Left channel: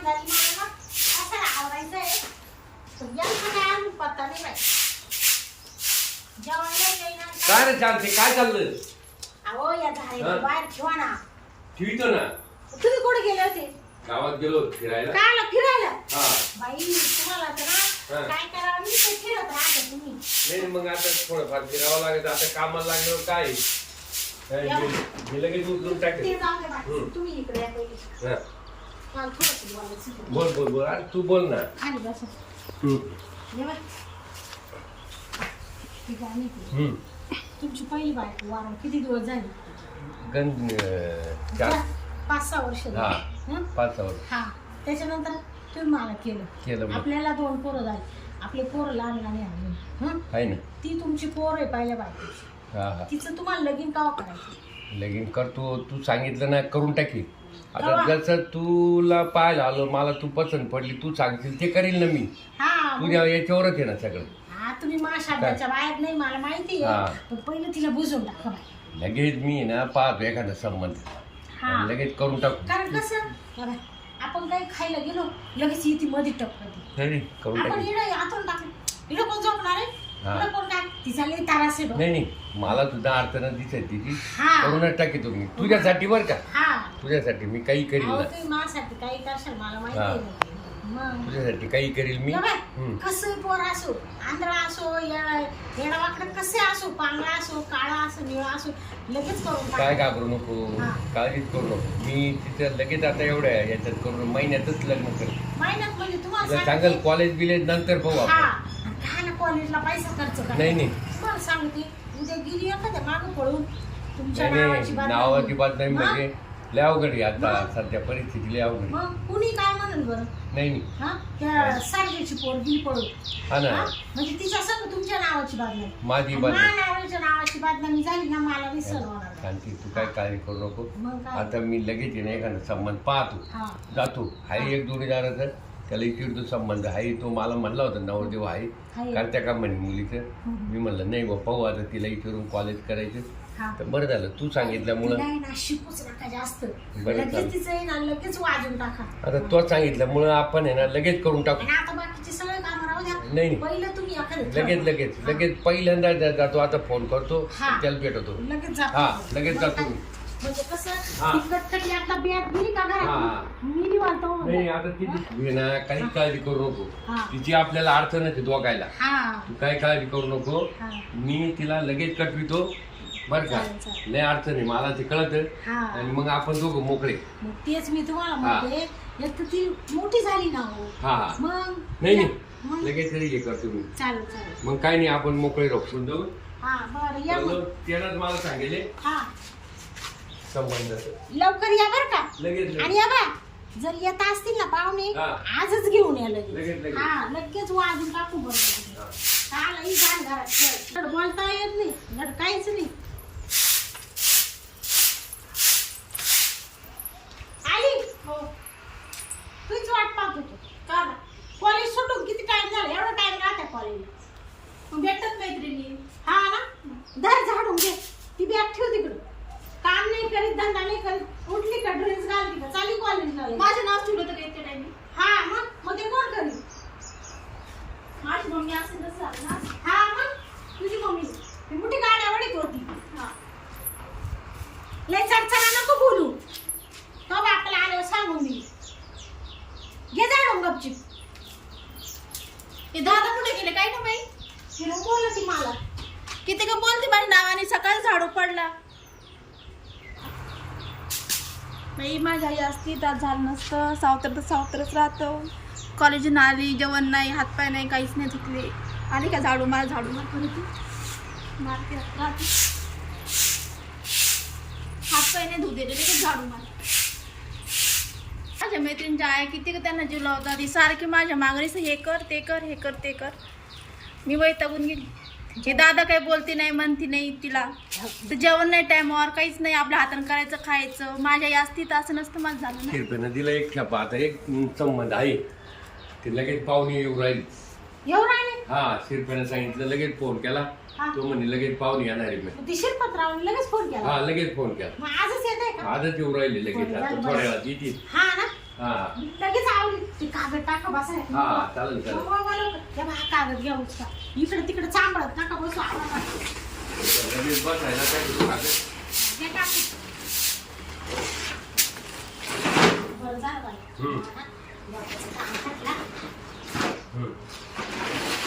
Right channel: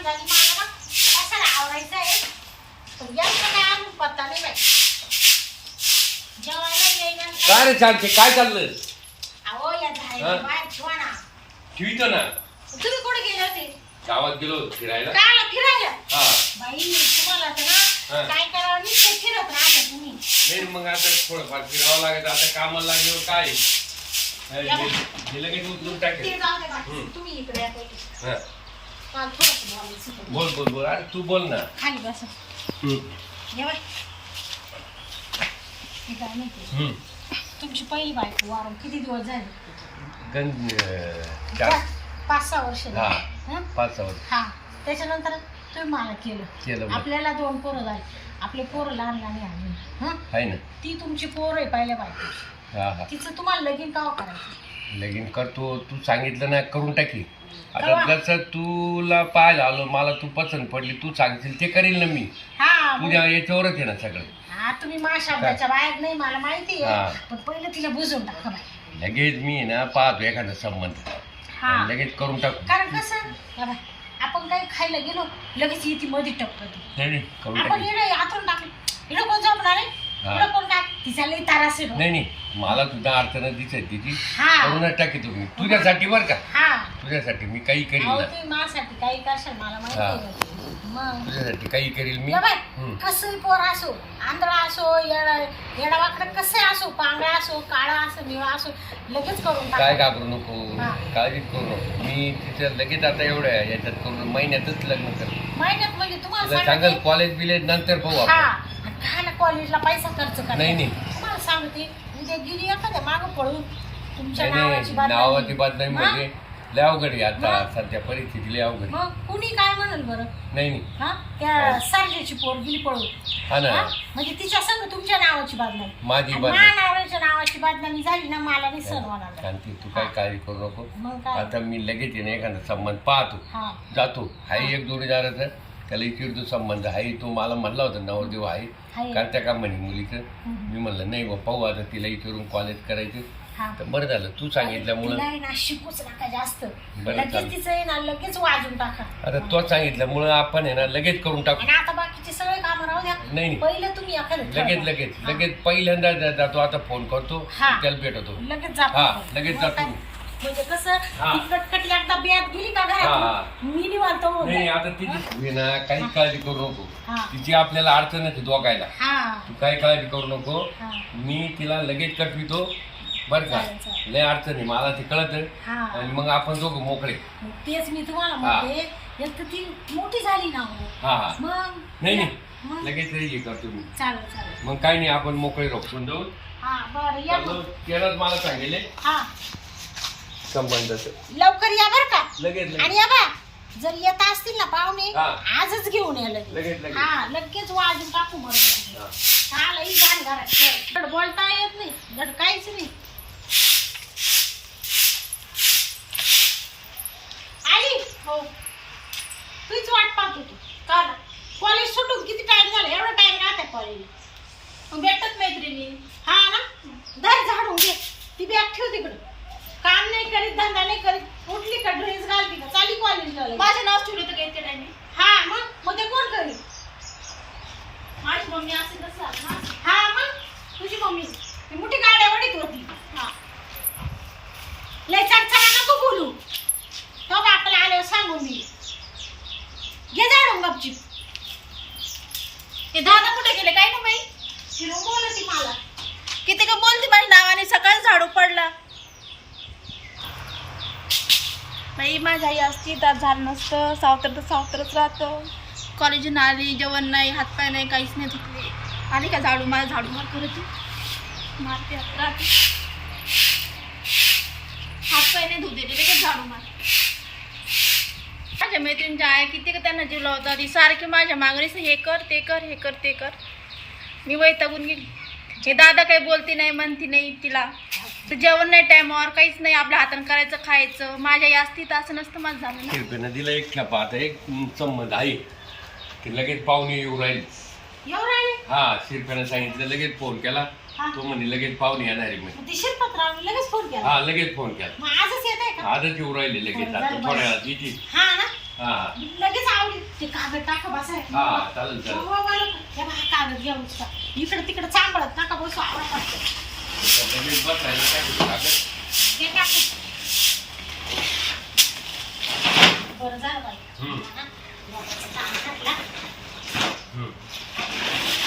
घाण झाली मला ना कशाला आवरायचं आहे पण यांचा काय अजून पत्ता नाही बाई. जेवायला येईना काय रे चालते काय चाललं अहो या हा? झाडाच्या बाहेर ठेवा ना. ठेवितो ना. तुम्ही कुठे गेले होते? गावात गेलो फिरायला. कायला फिरायला? हा. बाई तुम्हाला तर ना. काय करावं नाही ते फिरत राहता तुम्ही. नाही मग आता थोडंफार फिरावं लागेल आता कामाला लागल्यावर काय? काय हे- हे लगेच उचलून ते टाकेल जाऊ दे बाई. हम्म. तुम्ही इकडे या पहिले. हा. बोल बोल बोल. अरे तू बोल ना. खाली बसा. काय माहिती. तुमची पहिली बायको वारं किती दिवस झाले? चार. पाच सहा वर्ष. हा. पाच सहा वर्ष. हा. त्याच्यानंतर तुम्ही मला केलं. केलं. आपल्याला दोन पोरं झाली. आपले पोरं लहान लहान हं? आहे ना. ती तुमची पोर आहे पहिल्या बायकोची. हा हा. तिचं तुम्हाला लगीन कावा करायचं? लगीन करतो तू सांगितलं ना करून टाकी. आता? जसं तुला पाहायला आलो मला तू पसंत पडली तू सांगशील ते करील ना मी. हा मग- तुझ्या याच्यावरच आहे ना सगळं. हा तुम्ही माझ्या शब्दाच्या बाहेर नाही मला माहिती हा. आहे पण पहिलं तिला बुजवून टाका बाई. लगेच मी ना पाहतो एखादा संबंध. हा. आणि लगेच करून टाकू. कारण कसं? या बाई, आपण काही खायला गेलो लगेच येते मध्ये टपकते नाही नाही, करून आपण टाकू. इकडे आतून टाकलं. इकडे कोण झोपणार आहे? इकडे कोण टाक तिचा लई तारास आहे बघ. नाही नाही. मला सुद्धा अडचण दिसत तिची हा. करूनच टाकी तुम्ही. तुझ्यासाठी बरं का? हा. तुझ्यासाठी मी काही करील अहो ना. तुम्ही माझ्यासाठी काही करशाल मला माहिती हा. आहे ना ते. मग? तुझ्यासाठी काही करील मी? हम्म. कसंही पोर असो आंधळा असो येडा येडावाकडं कसे असो पांगळा असो काळा असो निळा असो लगेच करून काय टाका घाबरू नको हा. काळजीच करू नको. मी तिचं लगेच आता एवढ्या याच्यात करून महिन्यातच लग्न कर महिन्यात म्हणजे तुम्हाला तुला सांगते. सांगाल कॉलेज बिलेज नंतर पाहू आपण. काय ना कॉलेजला पैसा खर्च करा नाही, नाही. तुम्हाला सांगते उद्या गेली एखाद्या मागं पळून तुमच्या नावाची नाही. नावाची बात नाही मग? म्हणजे लय अवघड आहे आता मग? सध्या परिस्थिती लय अवघड आहे. मग कुणी काय म्हणेल बरं? नाही नाही. हा? त्या सारख्याची पोर गेली पळून. हा ना. हा? म्हणजे तिच्या संग तुमच्या नावाची बातमी माझी नावाच्या नावाची बातमी झाली ना मला नाही सण होणार. शांती तू काय काळजी करू नको. मग काय? आता मी लगेच ना एखादा संबंध पाहतो. हा. जातो. हाय एक जोडीदाराचं. त्याला इकडतो संबंध आहे तो मला म्हणला होता नवरदेव आहे हाय. करत्या का म्हणे मुलीचं. मी म्हणलं नाही बा पाहू आता तिला इकडून कॉलेज करायचं तर बरं झालं तू सांगितल्यामुळं तिला आहे ना शिकूच नका जास्त बरं लगेच चालेल. तिचं आहे ना लगेच वाजून टाका आता तो सांगितल्यामुळं आपण आहे ना लगेच करून टाकू आणि आता बाकीचे सगळे कामं राहू द्या नाही नाही पहिलं तुम्ही एखादं लगेच ठरवा. लगेच हा. लगेच पहिल्यांदा जा- जातो आता फोन करतो हा. त्याला भेटतो लगेच जा हा. लगेच मग जातो काय? म्हणजे कसं हा. ती एकदा बॅग गेली का हा. मी निवांत होऊन नाही. आता तिची तू आहे ना काही काळजी करू नको. हा. तिची आपल्याला अडचण आहे दोघायला हा. तू काही काळजी करू नको. हा. मी तिला लगेच कटवितो बरं का? चालेल, चालेल. लय अडचण आहे मला ते कळत. हा. आणि मग आपण दोघं मोकळे. मग तेच मी तुम्हाला हा. म्हणते एक तर ती मोठी झाली ना हो. हा हा. मग? नाही नाही. मग? लगेच हे करतो मी. चालेल चालेल. मग काय नाही आपण मोकळे राहू. पण जाऊ? हा बरं या मग. त्यालाच मला सांगेले हा. लवकर या बरं का? लगेच आणि या बा जर येत असतील ना पाहुणे हा. आजच घेऊन या लगेच, लगेच लगेच. हा लगेच वाजून टाकू बरोबर चाल ही घाण घरात. बोलता येत नाही. धड काहीच नाही आली हो तूच वाट पाहत होतो का ना कॉलेज सुटून किती टाइम झाला एवढा टाइम राहते कॉलेजला मग भेटत मैत्रिणी हा ना धर झाडून घे ती बॅग ठेव तिकडे काम नाही करीत धंदा नाही करीत उठली का ड्रेस घालती का चाली कॉलेजला ठेवलं होतं टाइमी हा मग? मग ते कोण करी माझी मम्मी असे नसतात ना. हा मग? तुझी मम्मी. ती मोठी गाड्या वडीत होती हा. लय नको बोलू. तो बापाला आल्यावर सांगून मी. घे जाडून गपचीप. ते दादा कुठे गेले? काय ना बाई? बोलती मला. किती का बोलते माझ्या नावाने सकाळी झाडू पडला. बाई माझी आई असती तर झालं नसतं. सावतर तर सावतरच राहतं. कॉलेजून आली जेवण नाही हातपाय नाही काहीच नाही धुतले. आली का झाडू? मला झाडू मार करत मारते हात राहते. हातपाय नाही धुतले का झाडू मार. माझ्या मैत्रिणीच्या आहे किती का त्यांना जीव लावतात? ती सारखी माझ्या मागणीच हे कर ते कर हे कर ते कर. मी वैतागून गेली. हे दादा काही बोलती नाही म्हणती नाही तिला. तर जेवण नाही टायमावर काहीच नाही आपल्या हातानं करायचं खायचं. माझ्या तर असं नसतं माझं झालं ना. दिला एक खेपा आता एक संबंध आहे. ते लगेच पाहुणे येऊ राहील. येऊ राहिले? हा शिरप्यानं सांगितलं लगेच फोन केला. हा. तो म्हणे लगेच पाहुणे येणार आहे म्हणे. मग ती शिरपतरावने लगेच फोन केला? हा लगेच फोन केला. मग आजच येत आहे का? आजच येऊ राहिले लगेच आता थोड्या. वेळात येतील. हा ना? हा. लगेच आवडी ते कागद टाका बसाय हा चालेल चालेल. हा कागद घ्या इकडे तिकडे चांबळत नका बसू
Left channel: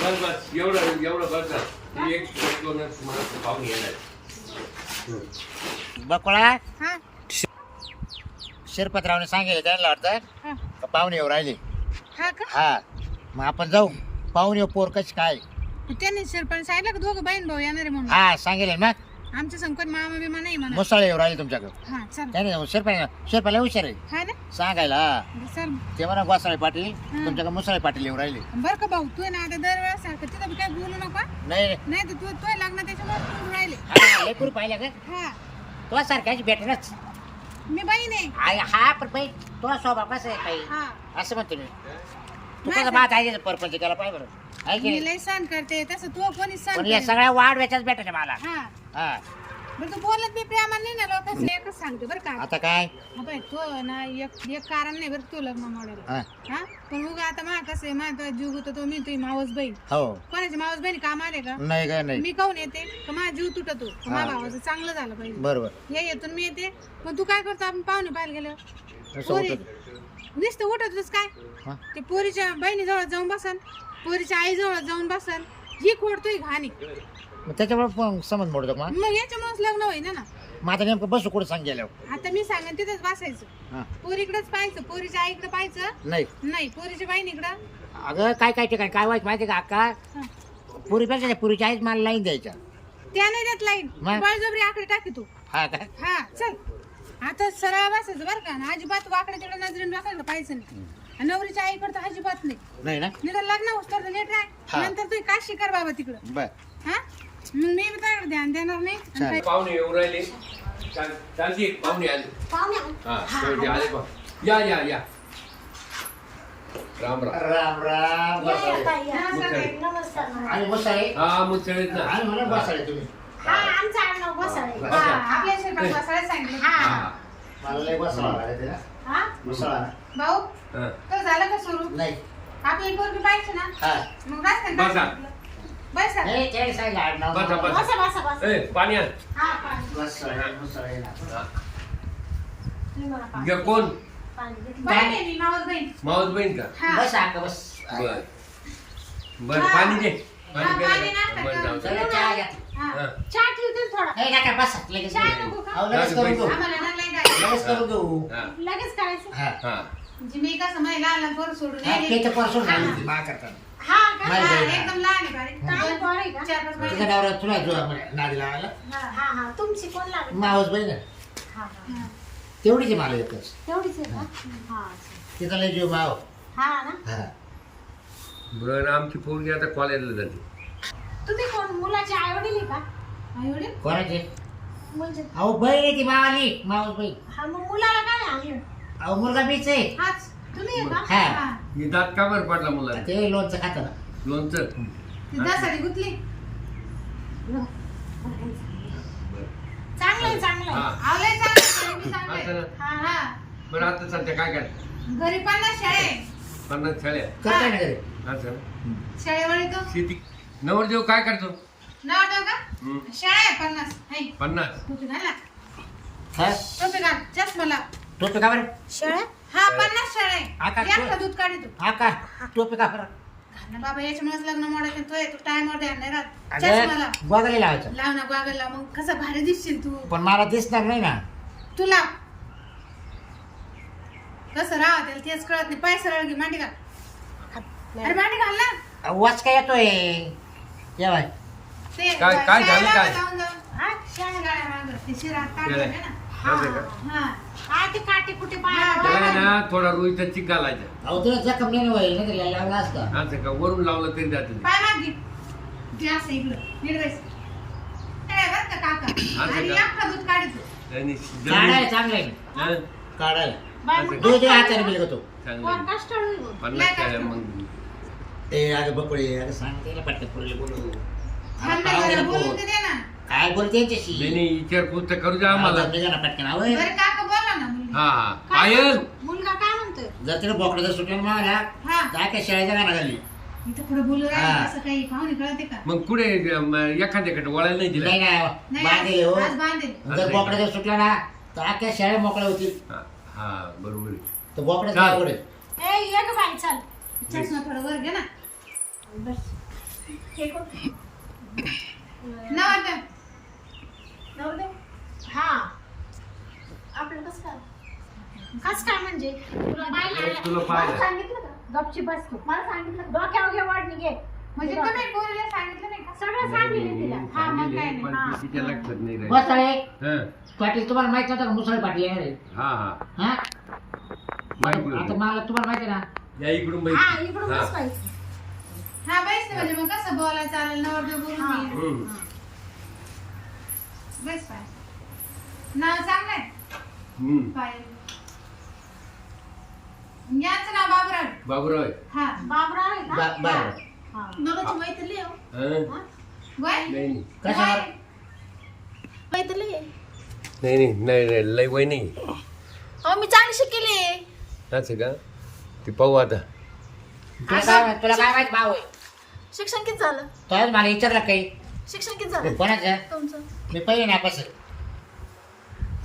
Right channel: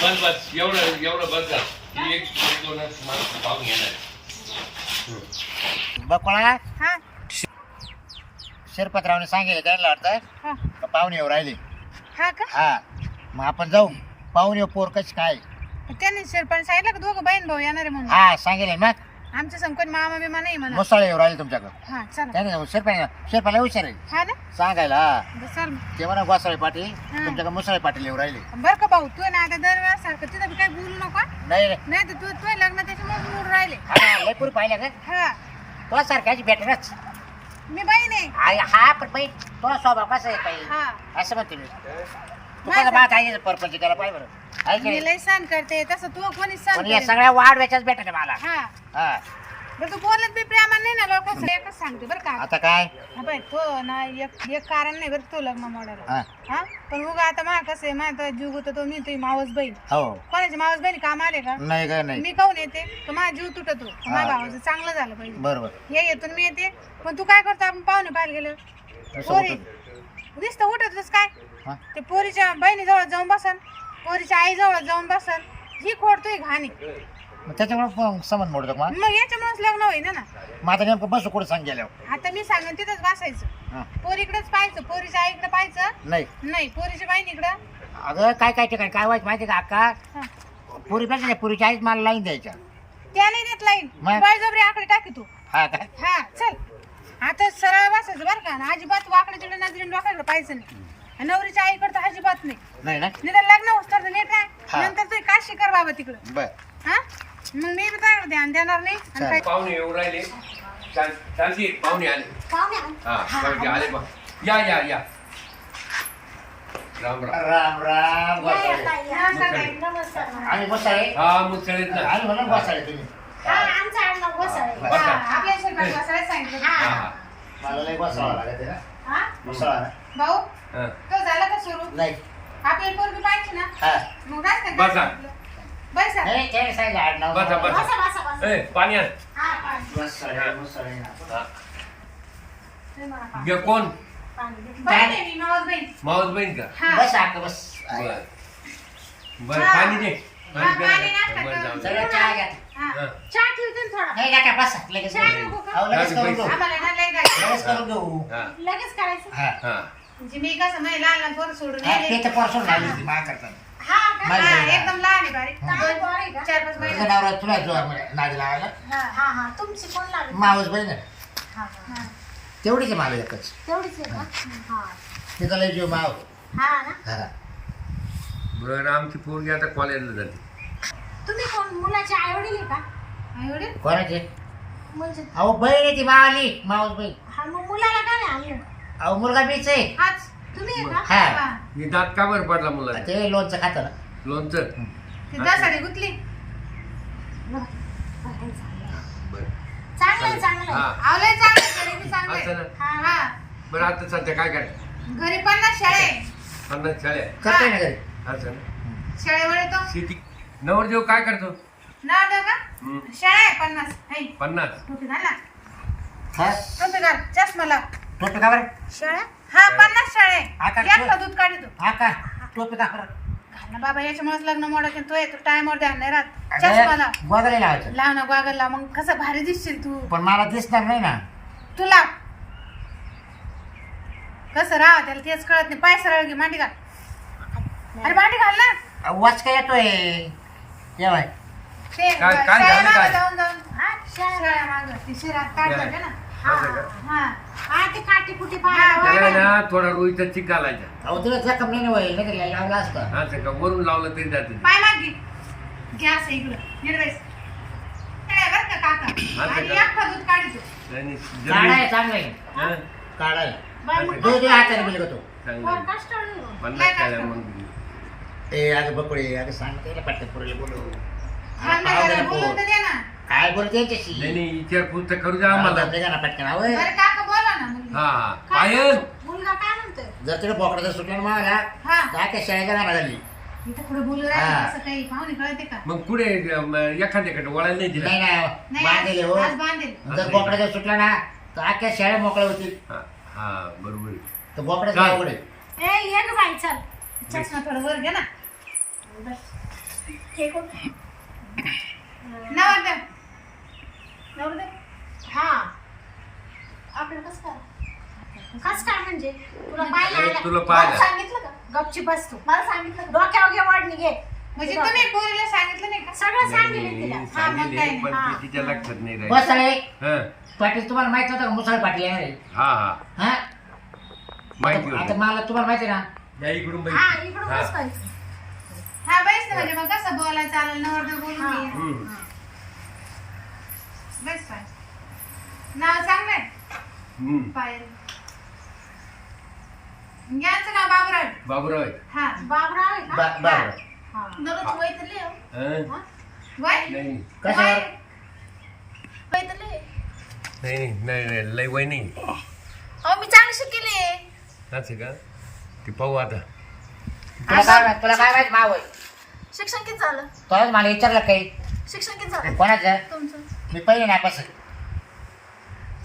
बस बस एवढं एवढं बस झालं एक दोनच माणसं पाहून घेणार. बकोळा? हा. शिरपतरावने सांगितलं त्यांना वाटतं हा. पाहुणे येऊ राहिले. हा का? हा. मग आपण जाऊ. पाहुणे येऊ पोर कशी काय? त्यांनी सांगितलं का दोघं बहीण भाऊ येणार आहे म्हणून. हा सांगेल मग आमच्या संकट मामा बिमा नाही म्हणा. मुसाळे येऊ राहिले तुमच्याकडे. हा चला. त्याने शिरपा शिरपाला हुशार आहे. हा ना? सांगायला. चल ते म्हणा गोसाळे पाटील. तुमच्याकडे मुसाळे पाटील येऊ राहिले. बर का भाऊ तू आहे ना आता सारखं तिथं बी बोलू नका नाही तर तू तू लग्न त्याच्यामुळे राहिले. हा का? हा. तो सारख्याची भेटणच मी बहीण आहे. हा पण तो स्वभाव कसा आहे काही हा. असं म्हणतो मी. तू नाही कसं सर. बात आहे परपंच केला पाहिजे बरं. आहे की मी नाही लय सण करते तसं तू कोणी सण पण या करेल. सगळ्या भेटत मला. हा. हा. बरं तू बोलत बी प्रेमान नाही ना लोक एकच सांगते बरं का. आता काय? हा बाई तो ना एक एक कारण नाही बरं तू लग्न मोडायला हा. हा? पण उगा आता मा कसं आहे माझा जीव गुतो तो मी तुझी मावस बहीण. हो. कोणाची मावस बहिणी काम आले का? नाही का नाही. मी काऊन येते? का माझा जीव तुटतो? माझ्या. भावाचं चांगलं झालं पाहिजे. बरोबर. हे येतून मी येते. पण तू काय करतो आपण पाहुणे पाहायला गेलो? पोरी. होतं नुसतं उठतच काय? हा? ते पोरीच्या बहिणीजवळ जाऊन बसन. पोरीच्या आईजवळ जाऊन बसन ही खोडतोय घाणी. मग त्याच्यामुळे संबंध मोडतो का मग? मग याच्यामुळेच लग्न होईना ना. मग आता नेमकं बसू कुठं सांग गेल्यावर आता मी सांगेन तिथंच बसायचं. हा. पोरीकडेच पाहायचं पोरीच्या आईकडे पाहायचं. नाही. नाही पोरीच्या बहिणीकडं. अगं काय काय ठिकाणी काय व्हायचं माहिती का अक्का? हा. पुरीपेक्षा नाही पुरीची आईच मला लाईन द्यायच्या. त्या नाही देत लाईन. मग? बळजबरी आकडे टाकी तू. हा काय हा चल. आता सरळ बसायचं बरं का आणि अजिबात वाकडे तिकडे नजरेने डोक्याकडे पाहायचं नाही. नवरीच्या आईकडे तर अजिबात नाही. नाही ना? निदान लग्न होत तर नीट हा. आहे नंतर तू काय शिकार बाबा तिकडं. बर. हा? मग मी बी त्याकडे ध्यान देणार नाही? आणि चालेल. काय? पाहुणे येऊ राहिले. चाल- चालती पाहुणे आले. पाहुणे आले. हा आले. या या या. राम राम. राम राम. आणि हा मुसळेत ना. आणि म्हणून गोसाळे तुम्ही. हा आमचं आडनाव घोसाळे. बरं. बसा. हा, आपल्या शिरपण बसायला सांगितलं. हा, हा. हा. मला लय गोसाळा लागत आहे ना. हा? मुसळा ना. भाऊ हा तो झालं का सुरू नाही आपल्याला पोरगी पाहिजे ना हा मग काय सांगितलं? बसा. बसा नाही त्याने सांगितलं आडनाव बसा, बसा. बसा, बसा, बसा. ए पाणी आण हा, पाणी. गोसाळे मुसाळे ना हा. तुम्ही मला पाणी. ये कोण पाणी दे. बहीण आहे मी, मावस बहीण. मावस बहीण का हा. बस बस बर बर हा. पाणी दे हा, पाणी पाणी प्यायला नाश्ता बरं, जाऊ दे. सगळं चहा घ्या हा. हा. चहा ठेवते ना थोडा नाही नका बस लगेच करू. अहो, लगेच करून देऊ आम्हाला ना लय गाडी. लगेच करून देऊ हा लगेच करायचं हा हा म्हणजे मी कसं लहान पोरं सोडून हा, तर ती मा हा. का? माझी हा, बहीण आहे. एकदम लहान आहे बारीक हा. चांगलं पोर आहे का? चार पाच तुझा महिने नवरा तुला जो आहे नादी लावायला. हा. हा हा तुमची कोण लागत मावस बहीण आहे. हा हा. तेवढीच आहे मला एकच. तेवढीच आहे का? हा. तिचा लय जीव माव. हा ना? हा. बरं आमची पोरगी आता कॉलेजला जाते. तुम्ही कोण मुलाचे आई वडील आहे का? आई वडील कोणाचे? म्हणजे अहो बहीण आहे ती मावाली मावस बहीण. हा मग मुलाला काय आणलं? अहो मुलगा बीच आहे. हाच. तुम्ही आहे का? हा. हा. हे दात का बरं पडला मुलाला? ते लोणचं खातं ना. लोणचं? ती दसाडी गुतली. चांगलं आहे. चांगलं आहे. हा. असं चांगले ना? हा हा. बरं आता सध्या काय करते? घरी पन्नास शाळे पन्नास शाळ्या करतोय ना घरी. असं ना? शाळेवर येतो शेती नवरदेव काय करतो? नाव ठेव का? शाळा आहे पन्नास. है पन्नास. टोपी घाल ना. हा? टोपी घाल. चष्मा लाव. टोपी का बरं? शाळा? हा पन्नास शाळे. आता दूध काढतो हा का? टोपी का बरं? घाल ना बाबा याच्यामुळेच लग्न मोडत तो येतो टायमवर ध्यान नाही राहत. चष्मा लाव अगं गोगले लावायचं. लाव ना गोगल लाव मग कसं भारी दिसशील तू. पण मला दिसणार नाही ना. तू लाव. कसं राहा त्याला तेच कळत नाही. पाय सरळ घे मांडी घाल. अरे मांडी घाल ना. वाच काय येतोय? येवाय ते काय- काय शाळेला झालं काय? जाऊन जाऊन. हा शाळेला मागं ती शिरा ना. का? हा. हा ते काठी कुठे हा, पाहायला त्याला ना थोडा रुईचा चिक घालायचा. अहो तुला जखम नाही होईल नाही तर लावला असता. असं का वरून लावलं तरी जाते पाय माग. घे गॅस इकडं. निर्वेस काय बर का काका. असं आणि का? अख्खा दूध काढतो. आणि काढाय जमीन- चांगलं आहे. हं, काढायला. बाई, असं दोन दोन हाताने बिलगतो चांगलं कोण आहे. कष्टाळू आहे हो. पन्नास शाळ्या मग ए अगं बकोळी अगं सांग त्याला पटकन पुरेल बोलू. हा, थांब ना पाहू दे जरा, ना बोलून पोर. तर दे ना. काय बोलते नाही त्याच्याशी नाही विचारपूस तर करू द्या आम्हाला. आम्हाला ना पटकन. आवय बरं काका हा. काय पायल मुलगा काय म्हणतो म्हणतोय? जर तिला बोकडा जर सुटला ना मला. हा. काय शाळेच्या गाणं घाली मी तर कुठे बोलू हा. राहिले असं काही पाहुणे कळते का? मग पुढे अं, एखाद्याकडे वळायला नाही दिलं? नाही ना नाही बांधलेले आज हो. आज बांधेल. जर बोकडा जर सुटला ना तर अख्ख्या शाळा मोकळ्या होतील. हा, हा बरोबर. आहे. तर चाल. आहे ए ये ग बाई चल. चष्मा थोडं वर घे ना. बस. हे कोण? नवरदेव. नवरदेव? हा. आपल्याला कसं काय? कस काय म्हणजे? तुला पाहायला आलं? तुला मला पाहिलं. सांगितलं का? गपची बस तू. मला सांगितलं का? डोक्यावर घे वाढणी घे. म्हणजे तुम्ही पोरीला सांगितलं नाही का? सगळं सांगितलं तिला. नाही, हा मग सांगितले, काय पण नाही. हा. तिच्या लक्षात नाही राहिलं. बस रे हं, पाटील तुम्हाला माहीत नव्हतं का मुसळ पाटील येणार आहे हा हा. हा? माहिती आता होती मला तुम्हाला माहिती ना? या इकडून हा बाई इकडून हा. बस पाहिजे हा बैस ना म्हणजे मग कसं बोलायचं? आलं नवरदेव बोलून हा. घे. हम्म. बैस पाय नाव चांगलं आहे? हम्म. पायल. यांचं नाव बाबुराव बाबूराव आहे. हा बाबराव आहे का बा- बाबराव. हा. नवरीची हो. हं? हा? वय नाही नाही. कशावर. नाही नाही नाही नाही, लय वय नाही अहो मी चांगली शिकेली आहे. असं का ते पाहू आता तुला काय माहित- तुला काय माहीत शिक्षण किती झालं मला विचारलं काही शिक्षण किती झालं कोणाचं तुमचं मी पहिले नापास आहे.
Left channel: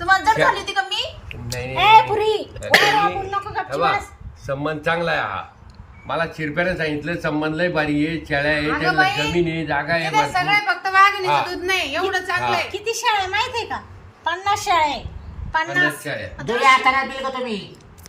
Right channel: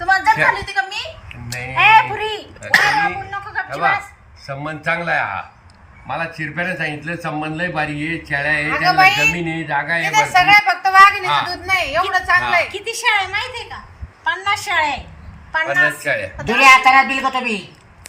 तुम्हाला जर झाली होती का मी नाही ए पुरी आता मी- हे बा. संबंध चांगला आहे हा. मला चिरप्याने सांगितलं संबंध लय बारी आहे शेळ्या आहे अगं त्यांना बाई, जमीन आहे जागा आहे तिथे भरपूर. सगळं फक्त हा. वाघिणीचं दूध नाही एवढं चांगलं आहे. किती शाळा आहे माहितीये का? पन्नास शाळा आहे. पन्नास पन्नास शेळ्या. दुरी हाताने बिल का तुम्ही?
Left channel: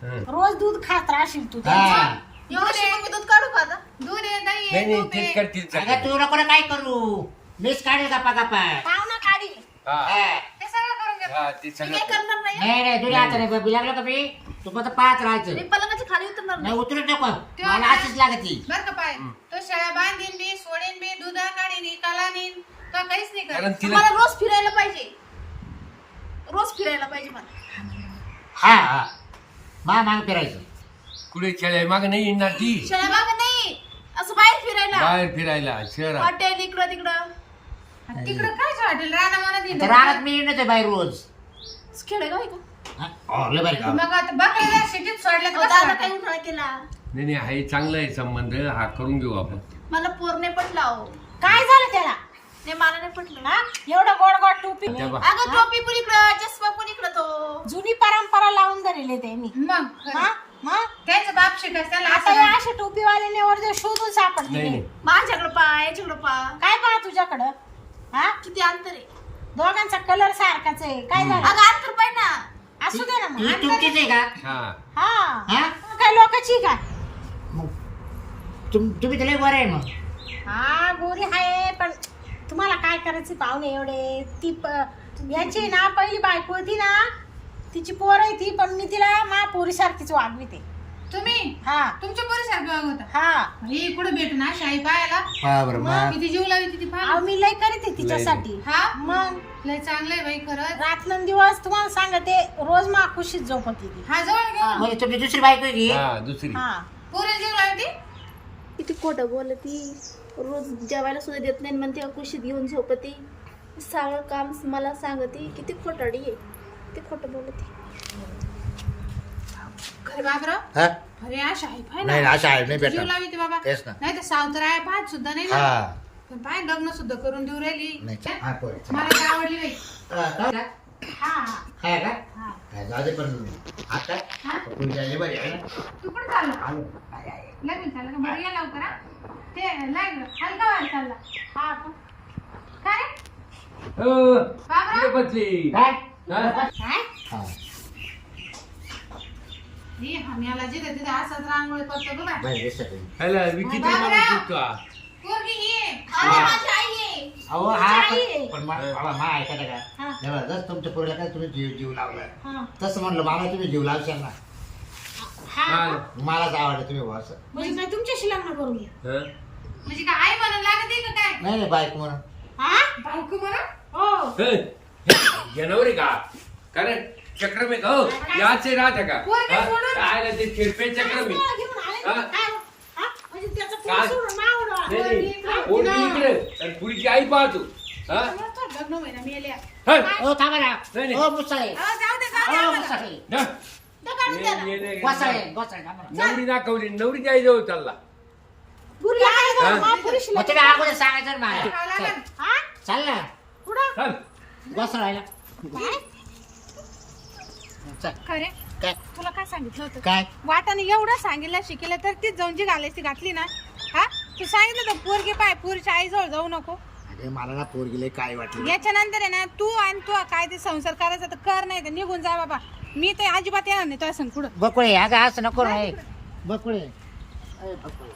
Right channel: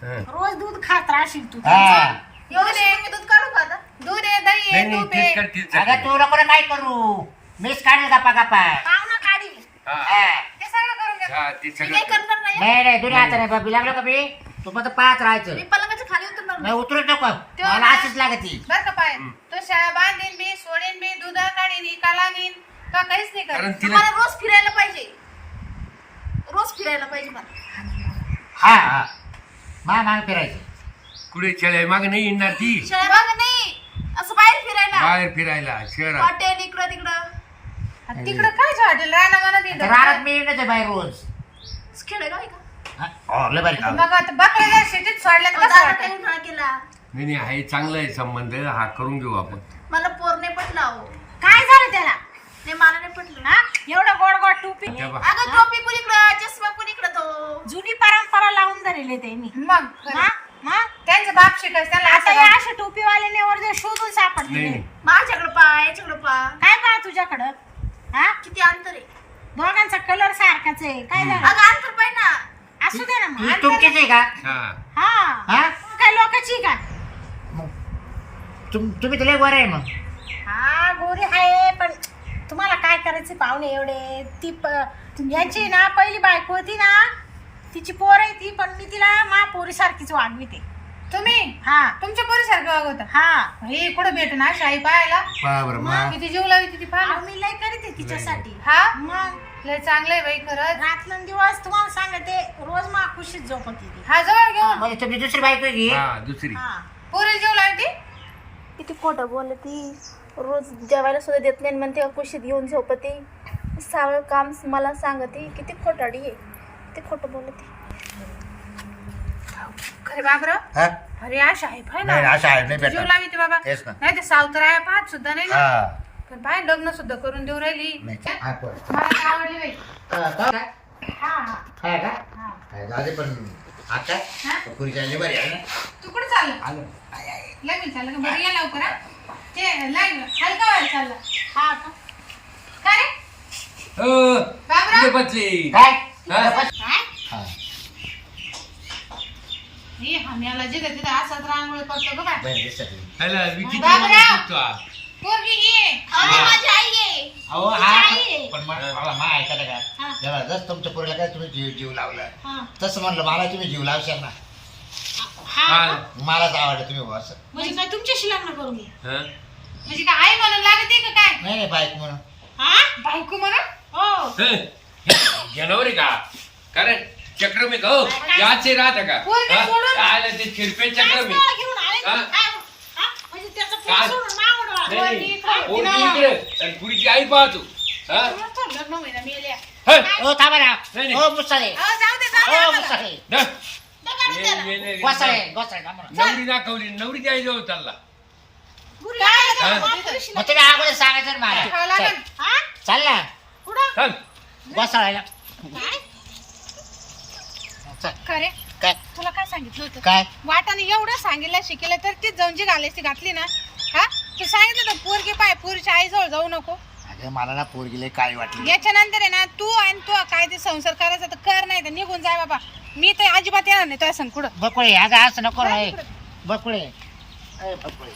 हं. रोज दूध खात राहशील तू. हा. एवढं शिकून मी दूध काढू का आता? दूध आहे दही नाही आहे नाही तूप तीच आहे. कर तीच अगं कर. तू नको ना काय करू? मीच काढेल गप्पा गप्पा हा, हा. ते सगळं करून घ्या हा, ती मी सगळं काही कर. करणार नाही? नाही नाही दुरी हाताने बी लागलो का मी तू फक्त पाहत राहायचं. मी पलंगाच्या खाली उतरणार नाही नाही. उतरू नको. मला अशीच लागती. बर का पाय तो शाळा बांधीन बी सोडेन बी दुधा काढीन काला नेईन का काहीच नाही कारण करत तिला मला रोज फिरायला पाहिजे. रोज फिरायला पाहिजे मला. हा हा. मा माग फिरायचं. कुठे शेळ्या माग नाही येणार ती? शहराबाग नाही. असं बाहेर फिरायला. बाहेर फिरायला शहरात. हॉटेल इकडं तिकडं. तिकडं काय हॉटेल मी येतो बाई रोज. खेडेगाव आहे का हा? हो, लय भारी काम. मग आता बाकड्या सिटीत सोडल्यात अहो, कसं दादा वाटेल? काही उन्हाळा केला नाही नाही आहे चांगला आहे संबंध. हा करून घेऊ आपण. मला पोर नाही पटला अहो. काय झालं त्याला? नाही मला नाही पटलं हा एवढं गोड गोड टोपी. अगं टोपी पण इकडं चष्मा पण इकडं तो. जुनी परंपरा लावून धरले त्यांनी. मग? हा? मग? त्यांचं बाप शिकायचं त्यांना आता असं या म्हण. अशा टोपीवाल्याने वर जे शोधून सापडले नाही नाही. माझ्याकडं पा याच्याकडं पा. काय पहा तुझ्याकडं? हा? किती अंतर आहे? दोघांचा कलर सारखाच आहे. काय झालं? अगं अंतर ना. असू दे ना ही मग तुमचीच आहे का? हा. हा. हा? काय लोकांची मग तुम तुम्ही तर लय वर आहे मग. हा गोरी आहे पण तुम्हाला काय करायचे पाहुणे एवढे? ती प- याची ना पहिली बायको होती ना तिची पोर आहे ती पण मी तिला मा पोरी सारखीच वागविते. तुम्ही? हा. तुमच्या पोरीसारखं वागवता. हा. हे कुठं भेटून ना शाही पाहायला? मग किती जीव लावी ती अहो, पाहा मी लय करते तिच्यासाठी. हा? मग. लय चांगलं आहे बाई खरंच. रात्रंदिवस तुम्हाला सांगते रोज मा खुशीत झोपत ती हा जवळ घेऊन. म्हणजे तुमची दुसरी बायको आहे की? हा दुसरी. हा. पोरी जीव लावी ती किती खोटं बोलती. रोज जेवायला सुद्धा देत नाही म्हणते कुशीत घेऊन झोपते. सगळं काम मला सांगते. किती खोटाडी आहे. किती खोटं बोलते. खरे बाबराव हा? अरे अशा आहे पाय नाही ना असं आहे नाही जीव भेटणार. लावी ती बाबा. तेच ना. नाही ते सावतर आहे पाहत सुद्धा नाही ना. हा. पण पाय लग्न सुद्धा करून देऊ राहिली. नाही हा, पोर. मला काय आवडली बाई? हा, का? हा हा. काय का? हा. काय जाऊ दे पण आता पुरी काय बरी आहे ना. तू कुठे चालला? आलो. आय, आय. लगेच चाललं का? बरं ये लवकर हा. ते लाईन हलका वेळ चालला. हा का? काय रे? हो, बाबराव? कुठे बसली काय? हा? काय हा हे आम्हाला जिथं तिथं असाच रांगोळी करतो ग बाय बरं दिसत आहे. ह्याला विचित्र बाबराव! माणूस दिसतो हा. पोरगी ये अहो, माझी आई आहे अहो हा आहे. पण- पण मा- बाबा, मा ऐका का हा. जेव्हा जस तुमच्या पोरीला काय तुम्ही जीव जीव लावला हा तसं म्हणलं मला तुम्ही जीव लावशाल ना हा हा. का? मलाच आवडलं तुम्ही बुवा असं म्हणजे काय तुमच्याशी लग्न करू मी हा? म्हणजे काय आई म्हणून लागते का काय नाही नाही बाईक म्हणून हा बायको म्हणून हो हे, जनावर आहे का कारण चक्रम हो याचे राहत का पोरगी हा? सोडून. काय आलं ते शिरपे काय चक्रम आहे स्थळ घेऊन आले का? हा? काय? हा? म्हणजे. नाही, नाही. पोरगी इकडे, आणि पुरीची आई पाहतो हा? हे, थांबा ना नाही, मुसाळे दे ये-. ये- ये- गोसाळे गोसाळे थांबा ना. नवरी दाखवली नवरी द्यायची जवळ चालला हा? मग अगोदर सांगायचं ना मला खायला चल, लागेल. हा? चाल ना कुठं चल गोसाळायला चल. खरे काय? तुला काय सांगितलं होतं? काय? वाटाने एवढं सांगितलं शिकेलं तर ती जंजी घालायची घातली ना? हा? तू सांगितलं तर पोरगी पाय पोरीच्या आईजवळ जाऊ नको. अगं मला ना पोरगी लय काळी वाटली. याच्यानंतर आहे ना तू आणि तू काय ते संसार करायचा तर कर नाही तर निघून जाय बाबा. मी तर अजिबात येणार नाही तुझ्या संग कुठं बकुळे अगं असं नको रे. बकुळे. बकुळे.